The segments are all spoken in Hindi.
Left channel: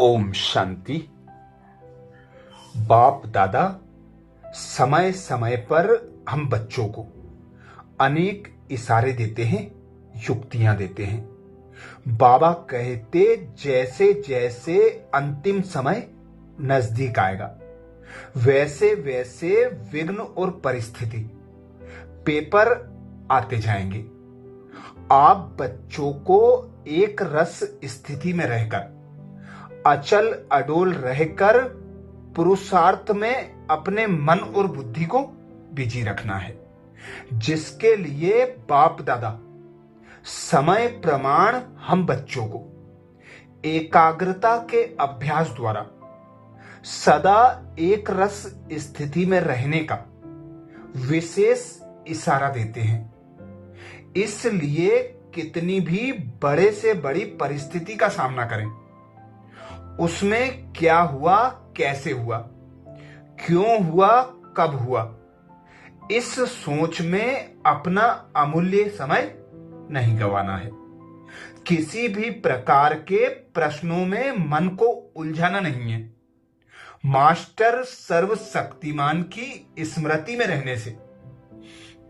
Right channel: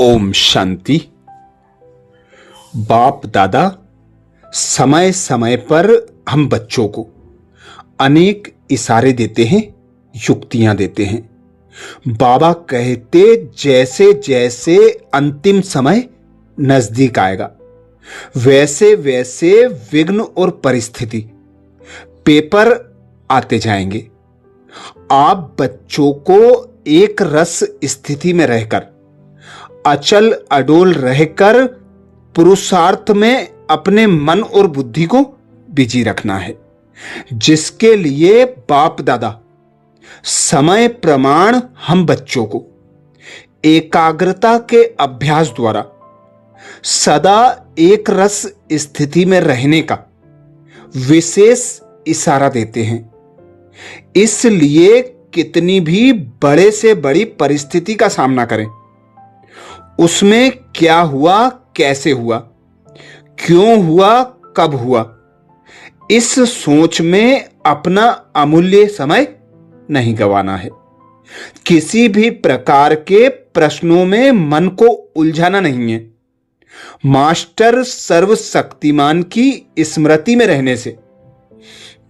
ओम शांति। बाप दादा समय समय पर हम बच्चों को अनेक इशारे देते हैं, युक्तियां देते हैं। बाबा कहते जैसे जैसे अंतिम समय नजदीक आएगा वैसे वैसे विघ्न और परिस्थिति पेपर आते जाएंगे। आप बच्चों को एक रस स्थिति में रहकर अचल अडोल रहकर पुरुषार्थ में अपने मन और बुद्धि को बिजी रखना है, जिसके लिए बाप दादा समय प्रमाण हम बच्चों को एकाग्रता के अभ्यास द्वारा सदा एक रस स्थिति में रहने का विशेष इशारा देते हैं। इसलिए कितनी भी बड़े से बड़ी परिस्थिति का सामना करें, उसमें क्या हुआ, कैसे हुआ, क्यों हुआ, कब हुआ, इस सोच में अपना अमूल्य समय नहीं गंवाना है। किसी भी प्रकार के प्रश्नों में मन को उलझाना नहीं है। मास्टर सर्वशक्तिमान की स्मृति में रहने से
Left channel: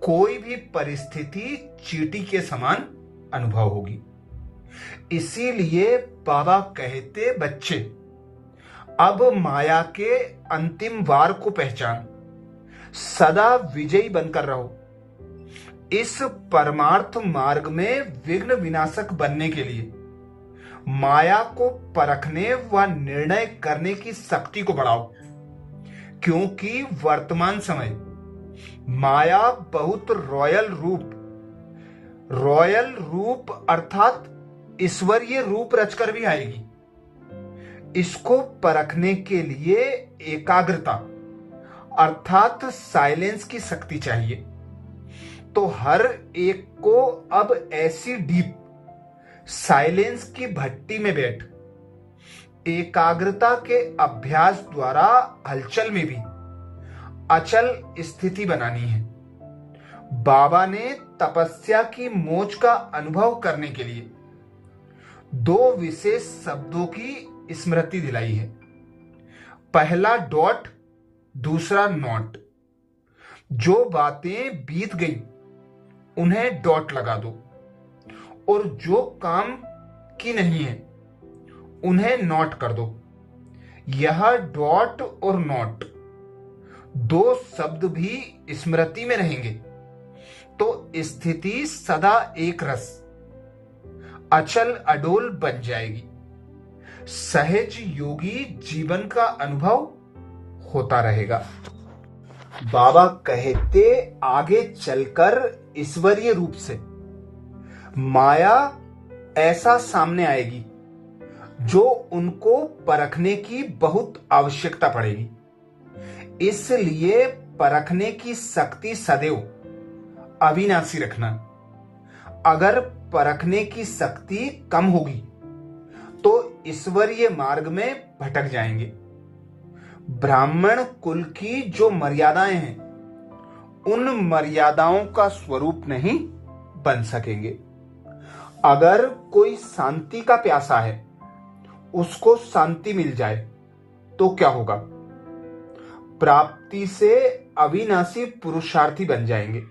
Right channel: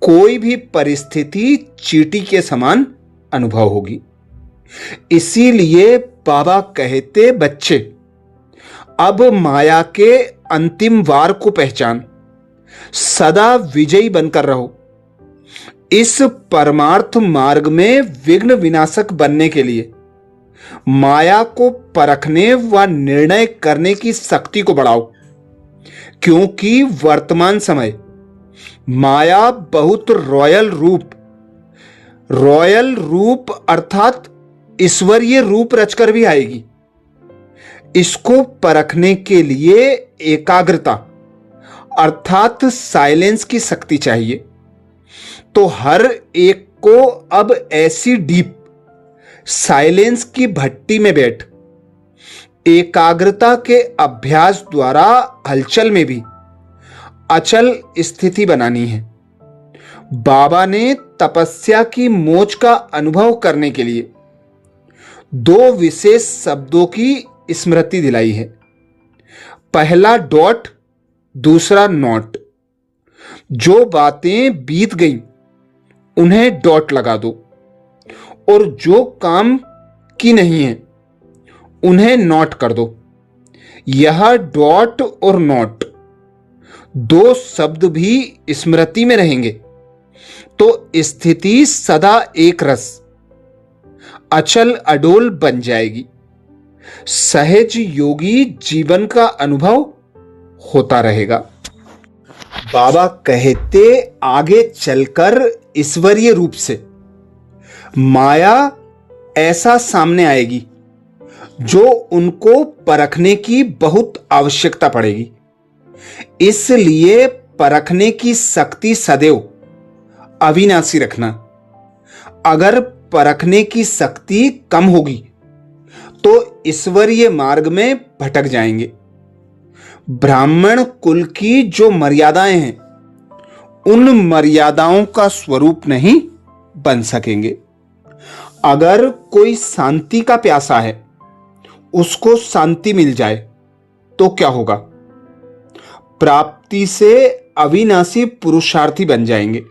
कोई भी परिस्थिति चींटी के समान अनुभव होगी। इसीलिए बाबा कहते बच्चे अब माया के अंतिम वार को पहचान सदा विजयी बनकर रहो। इस परमार्थ मार्ग में विघ्न विनाशक बनने के लिए माया को परखने व निर्णय करने की शक्ति को बढ़ाओ, क्योंकि वर्तमान समय माया बहुत रॉयल रूप अर्थात ईश्वरीय रूप रचकर भी आएगी। इसको परखने के लिए एकाग्रता अर्थात साइलेंस की शक्ति चाहिए। तो हर एक को अब ऐसी डीप साइलेंस की भट्टी में बैठ एकाग्रता के अभ्यास द्वारा हलचल में भी अचल स्थिति बनानी है। बाबा ने तपस्या की मोच का अनुभव करने के लिए दो विशेष शब्दों की स्मृति दिलाई है। पहला डॉट, दूसरा नॉट। जो बातें बीत गई उन्हें डॉट लगा दो और जो काम की नहीं है उन्हें नोट कर दो। यह डॉट और नोट दो शब्द भी स्मृति में रहेंगे तो स्थिति सदा एक रस अचल अडोल बन जाएगी। सहज योगी जीवन का अनुभव होता रहेगा। बाबा कहते आगे चलकर ईश्वरीय रूप से माया ऐसा सामने आएगी जो उनको परखने की बहुत आवश्यकता पड़ेगी। इसलिए परखने की शक्ति सदैव अविनाशी रखना। अगर परखने की शक्ति कम होगी तो ईश्वरीय मार्ग में भटक जाएंगे। ब्राह्मण कुल की जो मर्यादाएं हैं उन मर्यादाओं का स्वरूप नहीं बन सकेंगे। अगर कोई शांति का प्यासा है, उसको शांति मिल जाए तो क्या होगा? प्राप्ति से अविनाशी पुरुषार्थी बन जाएंगे।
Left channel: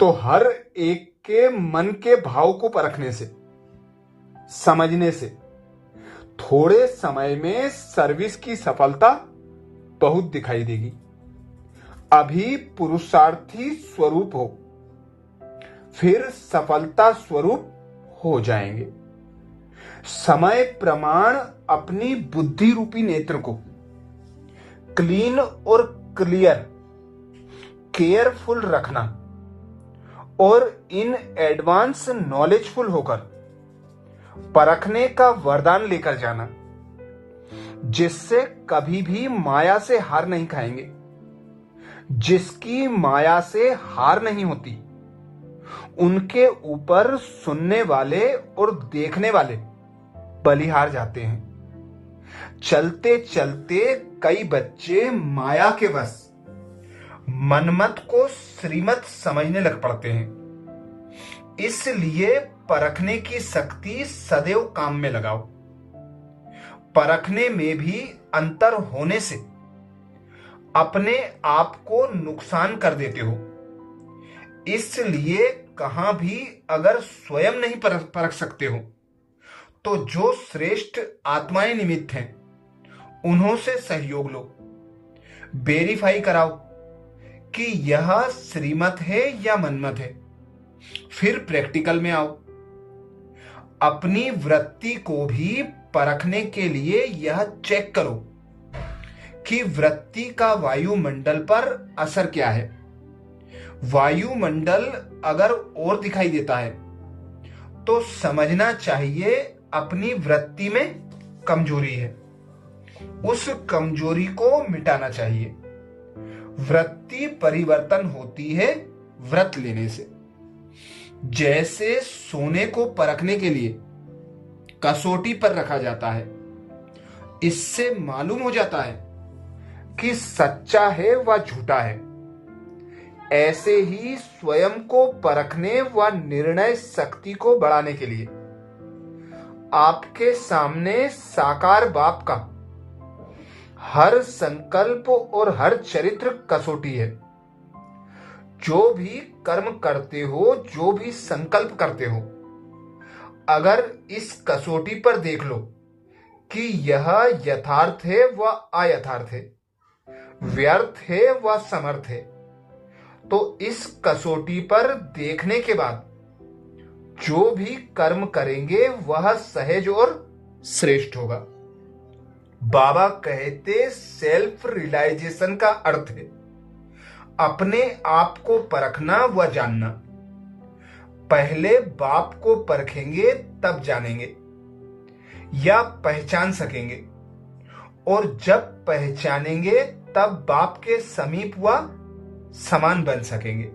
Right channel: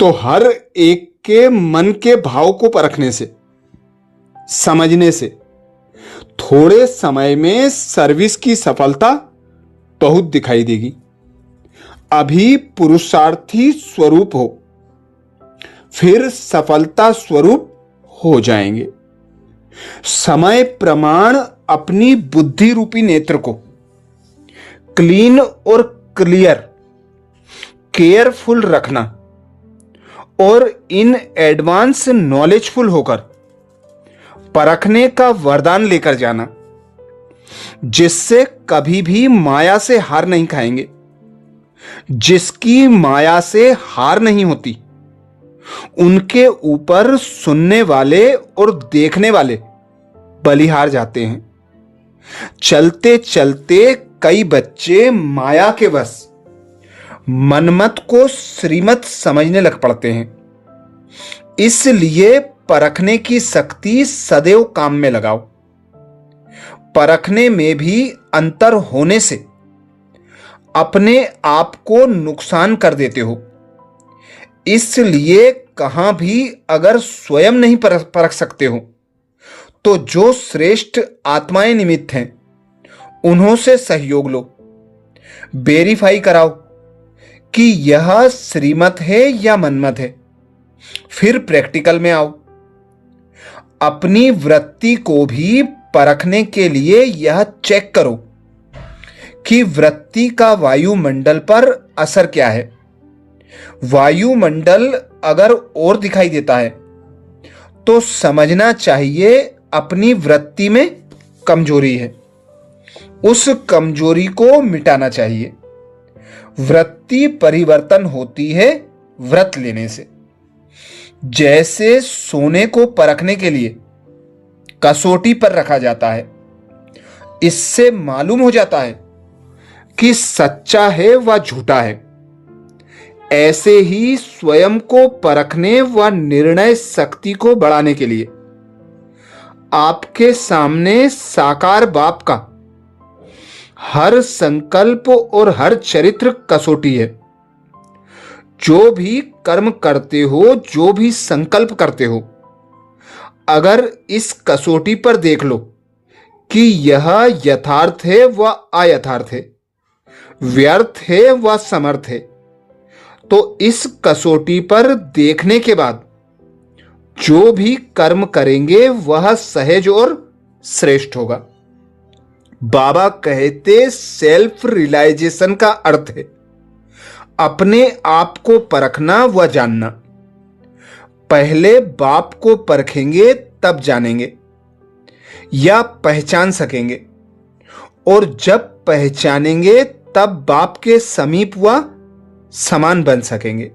तो हर एक के मन के भाव को परखने से, समझने से थोड़े समय में सर्विस की सफलता बहुत दिखाई देगी। अभी पुरुषार्थी स्वरूप हो, फिर सफलता स्वरूप हो जाएंगे। समय प्रमाण अपनी बुद्धि रूपी नेत्र को क्लीन और क्लियर केयरफुल रखना और इन एडवांस नॉलेजफुल होकर परखने का वरदान लेकर जाना, जिससे कभी भी माया से हार नहीं खाएंगे। जिसकी माया से हार नहीं होती उनके ऊपर सुनने वाले और देखने वाले बलिहार जाते हैं। चलते चलते कई बच्चे माया के वश मनमत को श्रीमत समझने लग पड़ते हैं। इसलिए परखने की शक्ति सदैव काम में लगाओ। परखने में भी अंतर होने से अपने आप को नुकसान कर देते हो। इसलिए कहां भी अगर स्वयं नहीं परख सकते हो तो जो श्रेष्ठ आत्माएं निमित्त हैं उन्हों से सहयोग लो, वेरीफाई कराओ कि यह श्रीमत है या मनमत है, फिर प्रैक्टिकल में आओ। अपनी वृत्ति को भी परखने के लिए यह चेक करो कि वृत्ति का वायुमंडल पर असर क्या है। वायुमंडल अगर और दिखाई देता है तो समझना चाहिए अपनी वृत्ति में कमजोरी है, उस कमजोरी को मिटाना चाहिए। वृत्ति परिवर्तन होती है व्रत लेने से। जैसे सोने को परखने के लिए कसौटी पर रखा जाता है, इससे मालूम हो जाता है कि सच्चा है व झूठा है। ऐसे ही स्वयं को परखने व निर्णय शक्ति को बढ़ाने के लिए आपके सामने साकार बाप का हर संकल्प और हर चरित्र कसौटी है। जो भी कर्म करते हो, जो भी संकल्प करते हो, अगर इस कसौटी पर देख लो कि यह यथार्थ है व अयथार्थ है, व्यर्थ है व समर्थ है, तो इस कसौटी पर देखने के बाद जो भी कर्म करेंगे वह सहज और श्रेष्ठ होगा। बाबा कहते सेल्फ रियलाइजेशन का अर्थ है अपने आप को परखना व जानना। पहले बाप को परखेंगे तब जानेंगे या पहचान सकेंगे, और जब पहचानेंगे तब बाप के समीप व समान बन सकेंगे।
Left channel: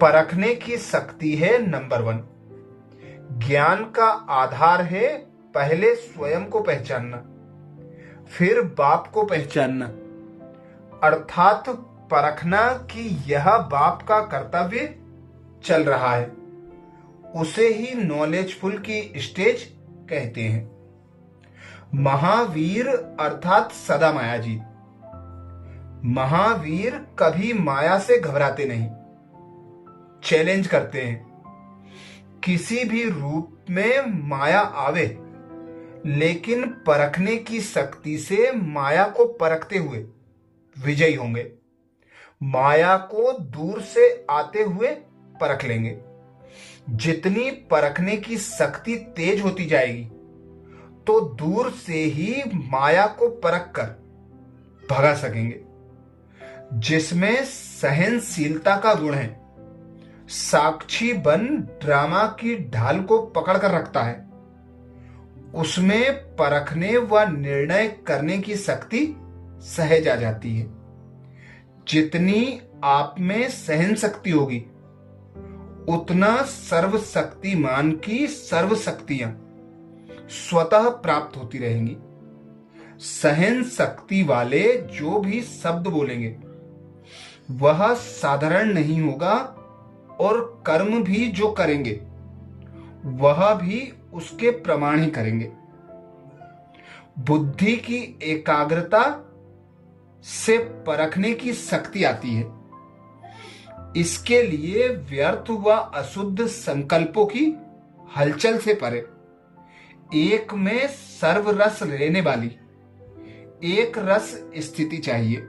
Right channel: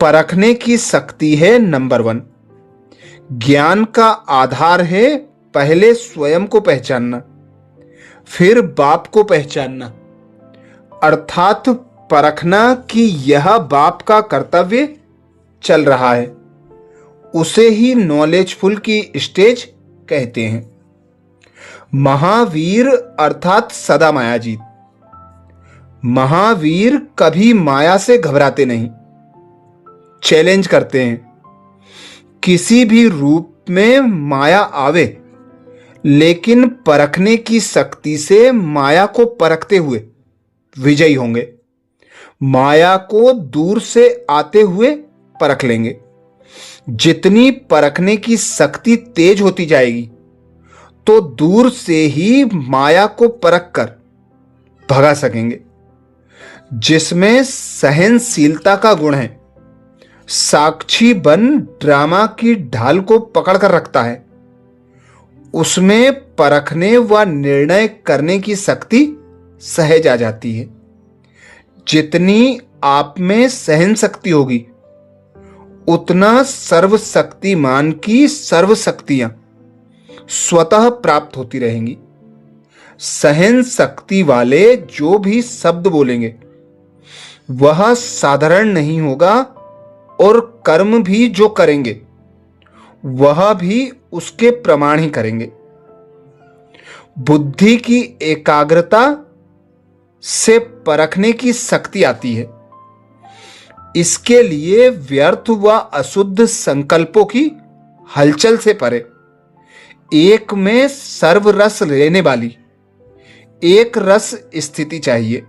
परखने की शक्ति है नंबर 1। ज्ञान का आधार है पहले स्वयं को पहचानना, फिर बाप को पहचानना, अर्थात परखना कि यह बाप का कर्तव्य चल रहा है। उसे ही नॉलेजफुल की स्टेज कहते हैं। महावीर अर्थात सदा मायाजीत। महावीर कभी माया से घबराते नहीं, चैलेंज करते हैं। किसी भी रूप में माया आवे, लेकिन परखने की शक्ति से माया को परखते हुए विजयी होंगे। माया को दूर से आते हुए परख लेंगे। जितनी परखने की शक्ति तेज होती जाएगी तो दूर से ही माया को परख कर भगा सकेंगे। जिसमें सहनशीलता का गुण है, साक्षी बन ड्रामा की ढाल को पकड़ कर रखता है, उसमें परखने व निर्णय करने की शक्ति सहज आ जाती है। जितनी आप में सहन शक्ति होगी उतना सर्वशक्तिमान की सर्व शक्तियां स्वतः प्राप्त होती रहेंगी। सहन शक्ति वाले जो भी शब्द बोलेंगे वह साधारण नहीं होगा, और कर्म भी जो करेंगे वह भी उसके प्रमाण ही करेंगे। बुद्धि की एकाग्रता से परखने की शक्ति आती है। इसके लिए व्यर्थ व अशुद्ध संकल्पों की हलचल से परे एक में सर्व रस लेने वाली एक रस स्थिति चाहिए।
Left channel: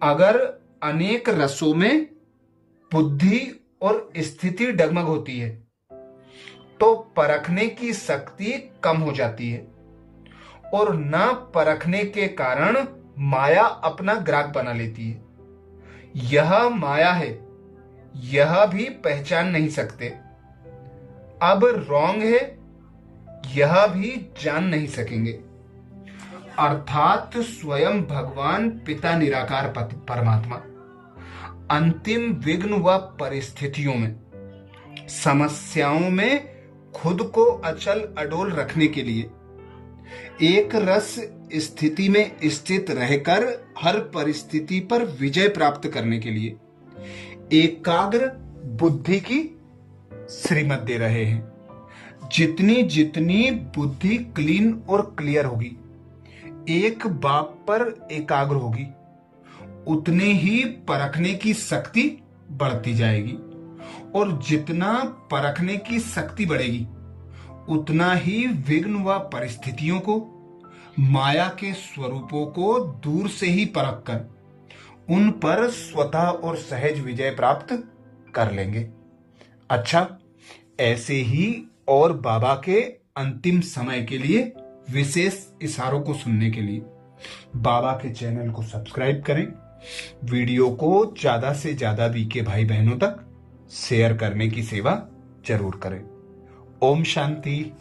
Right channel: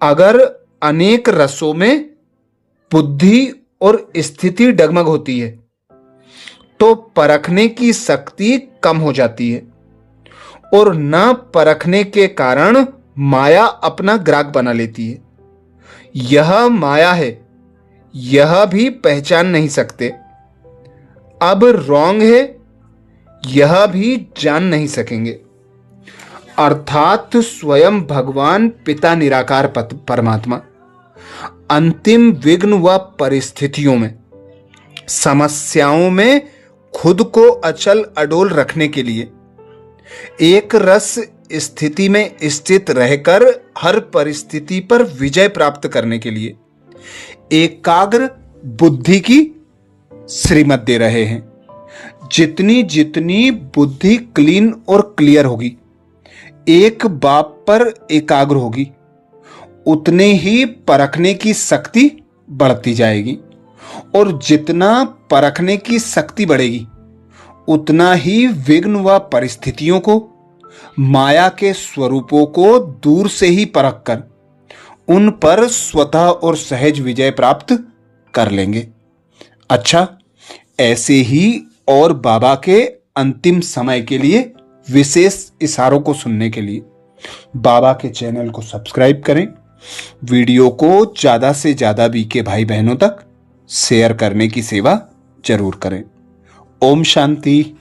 अगर अनेक रसों में बुद्धि और स्थिति डगमग होती है तो परखने की शक्ति कम हो जाती है, और न परखने के कारण माया अपना ग्राहक बना लेती है। यह माया है, यह भी पहचान नहीं सकते। अब रॉन्ग है, यह भी जान नहीं सकेंगे। अर्थात स्वयं भगवान पिता निराकार परमात्मा अंतिम विघ्न व परिस्थितियों में, समस्याओं में खुद को अचल अडोल रखने के लिए, एक रस स्थिति में स्थित रहकर हर परिस्थिति पर विजय प्राप्त करने के लिए एकाग्र बुद्धि की श्रीमत दे रहे हैं। जितनी जितनी बुद्धि क्लीन और क्लियर होगी, एक बात पर एकाग्र होगी, उतने ही परखने की शक्ति बढ़ती जाएगी। और जितना परखने की शक्ति बढ़ेगी, उतना ही विघ्न व परिस्थितियों को, माया के स्वरूपों को दूर से ही परख कर उन पर स्वतः और सहज विजय प्राप्त कर लेंगे। अच्छा, ऐसे ही और बाबा के अंतिम समय के लिए विशेष इशारों को सुनने के लिए बाबा के चैनल को सब्सक्राइब करें। वीडियो को ज्यादा से ज्यादा बीके भाई बहनों तक शेयर करने की सेवा जरूर करें। ओम शांति।